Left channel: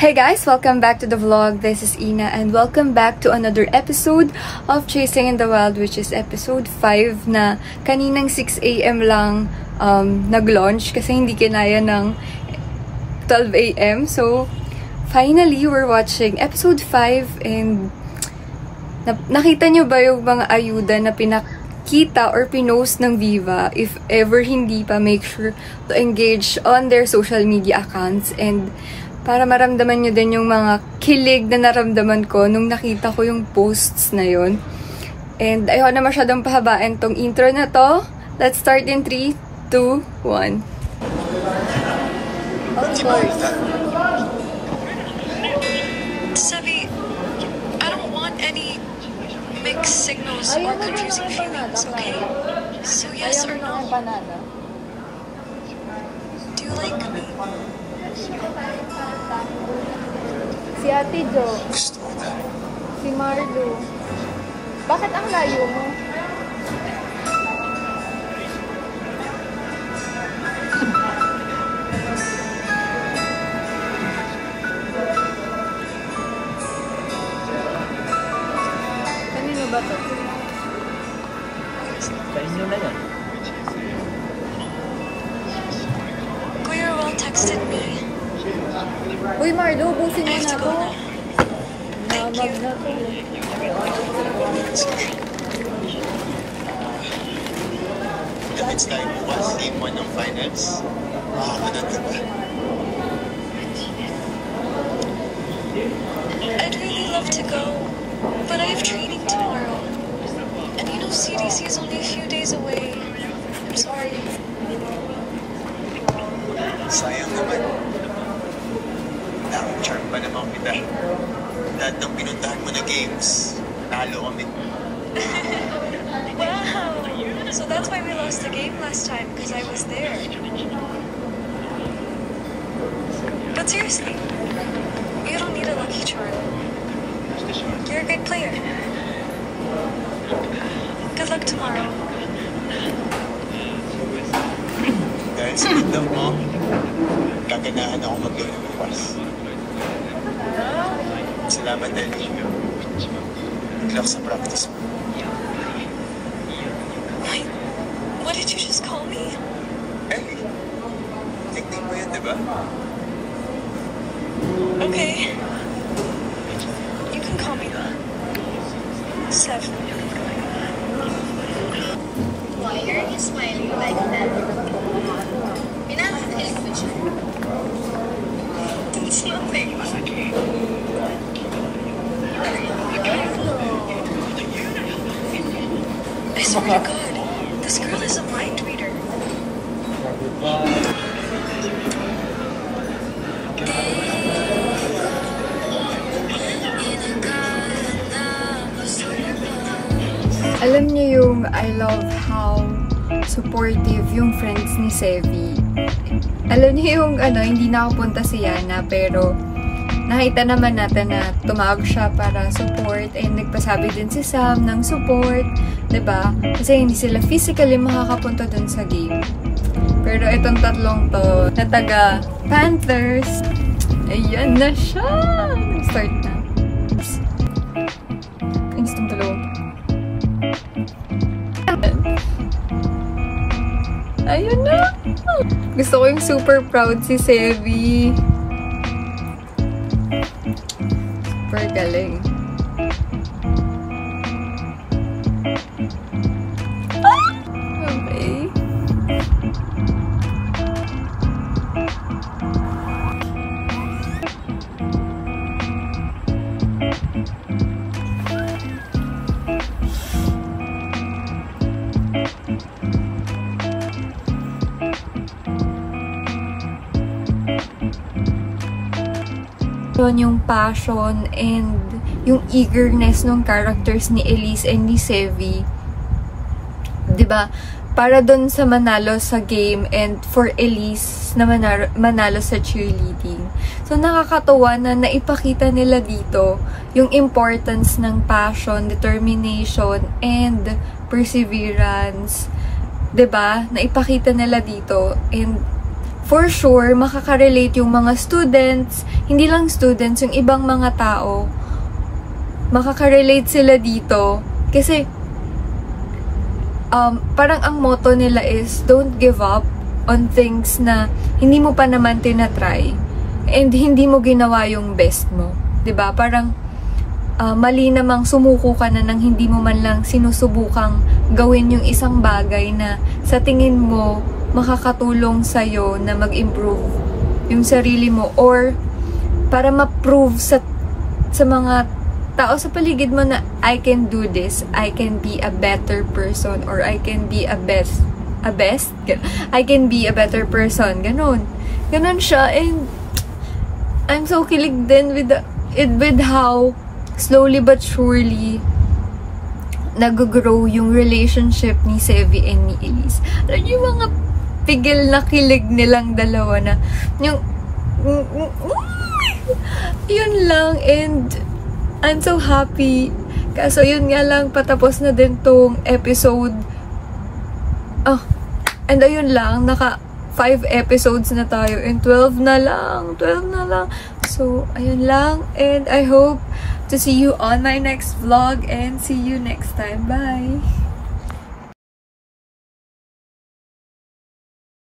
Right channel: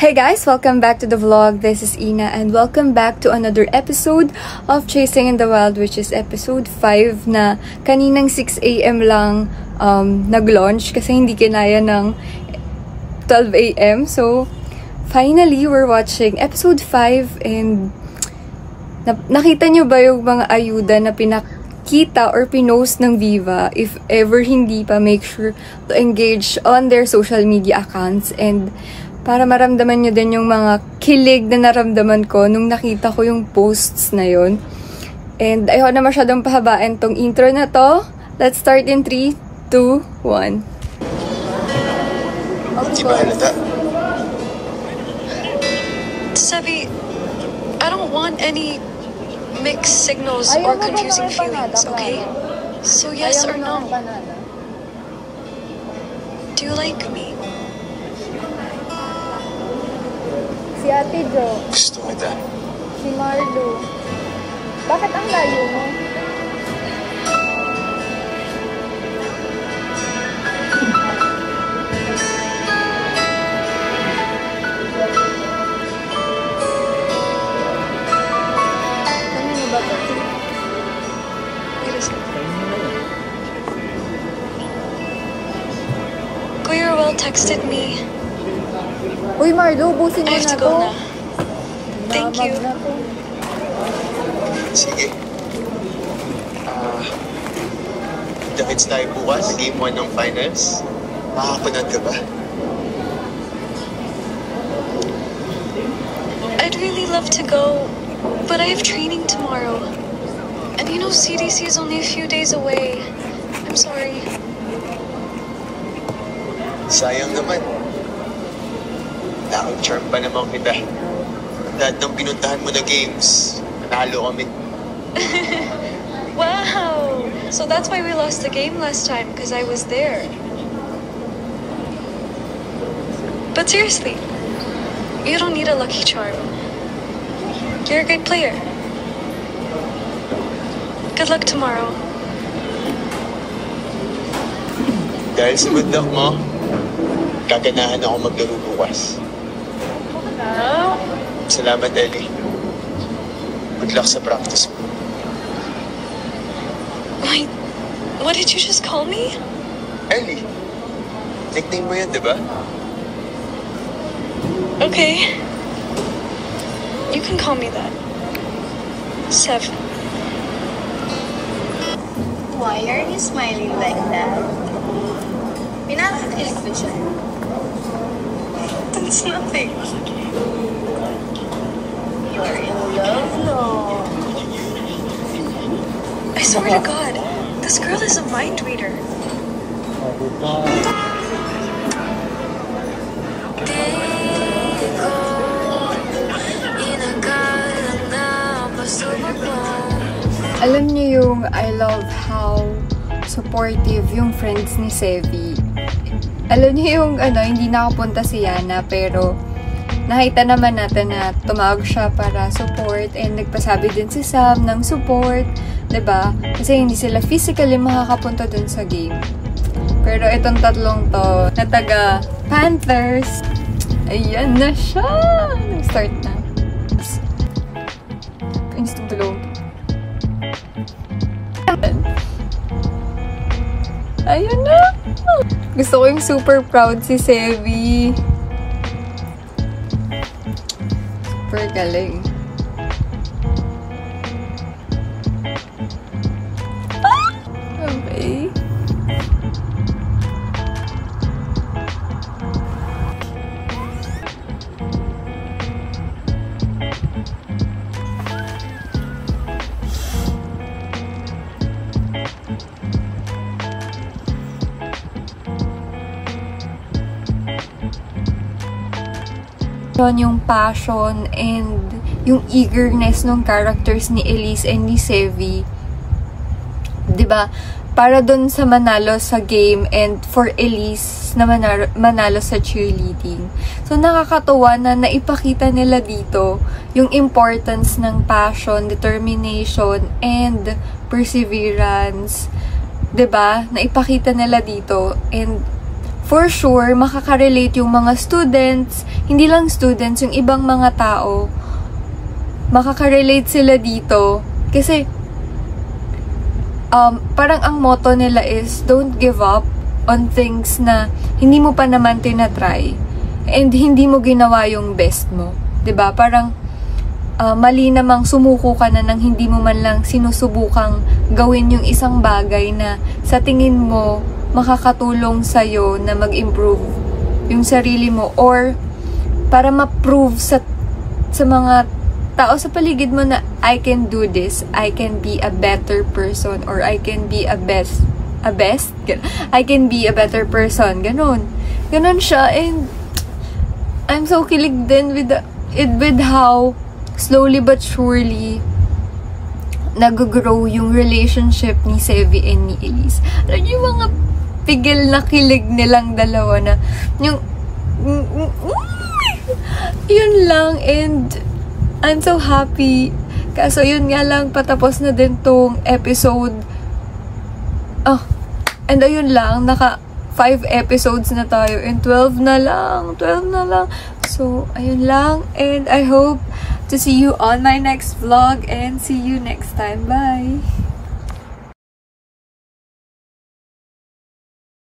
Hey guys! Welcome back to the vlog. This is Ina and welcome back to another episode of Chasing in the Wild, which is episode 5 na kaninang 6 AM lang nag-launch kasi hindi kinaya ng 12 AM. So, finally, we're watching episode 5 and nakita nyo ba yung mga ayuda na pinakita or pinost ng Viva? If ever hindi pa, make sure to engage on their social media accounts and para maramdaman nyo din yung mga kilig na naramdaman ko nung nakita ko yung posts na yun. And ayoko na masyadong pahabain tong intro na to. Let's start in 3, 2, 1. Of course. Sabi, I don't want any mixed signals or confusing feelings, okay? So yes or no? Do you like me? Si Ate Jo. Gusto kita. Si Marlo. Bakit ang layo mo? Kanino ba to? Kanino na yan? Kuya Roel texted me. Uy, Marlo, ubusin mo na to. Thank Namag you. na to. Sige. Davids tayo bukas, game 1 ng finals. Makakapanood ka ba? I'd really love to go, but I have training tomorrow. And you know CDC is only a few days away. I'm sorry. Sayang naman. Nakang-charm pa naman kita. Lahat ng pinuntahan mo na games, nanalo kami. Wow! So that's why we lost the game last time, because I was there. But seriously, you don't need a lucky charm. You're a great player. Good luck tomorrow. Dahil sa good luck mo, gaganahan ako maglaro bukas. Salamat, Ellie. Good luck sa practice mo. Wait, what did you just call me? Ellie, nickname mo yan, di ba? Okay. You can call me that. 7. Why are you smiling like that? Pinapakit ko siya. It's nothing. I swear to God, this girl is a mind reader. Alam niyo yung I love how supportive yung friends ni Sevi. Alam niyo yung hindi nakapunta si Yana pero nakita naman natin na tumawag siya para support and nagpasabi din si Sam ng support, 'di ba? Kasi hindi sila physically makakapunta dun sa game. Pero itong tatlong to na taga Panthers, ayan na siya! Nag-start na. Instant tulong. Ayun na! Gusto ko yung super proud si Sevi. Super galing. Okay. Yung passion and yung eagerness ng characters ni Elise and ni Sevi, 'di ba? Para doon sa manalo sa game and for Elise na manalo sa cheerleading. So nakakatuwa na naipakita nila dito yung importance ng passion, determination and perseverance, 'di ba? Naipakita nila dito and for sure, makaka-relate yung mga students, hindi lang students, yung ibang mga tao, makaka-relate sila dito. Kasi, parang ang motto nila is, don't give up on things na hindi mo pa naman tinatry and hindi mo ginawa yung best mo. 'Di ba? Parang, mali namang sumuko ka na nang hindi mo man lang sinusubukang gawin yung isang bagay na sa tingin mo makakatulong sa'yo na mag-improve yung sarili mo or para ma-prove sa mga tao sa paligid mo na I can do this, I can be a better person or I can be I can be a better person. Ganon siya, and I'm so kilig din with how slowly but surely nag-grow yung relationship ni Sevy and ni Elise. Alam niyo yung mga pigil na kilig nilang dalawa na yung yun lang, and I'm so happy. Kaso yun nga lang, patapos na din tong episode. And ayun lang, naka 5 episodes na tayo and 12 na lang. So, ayun lang, and I hope to see you on my next vlog and see you next time. Bye!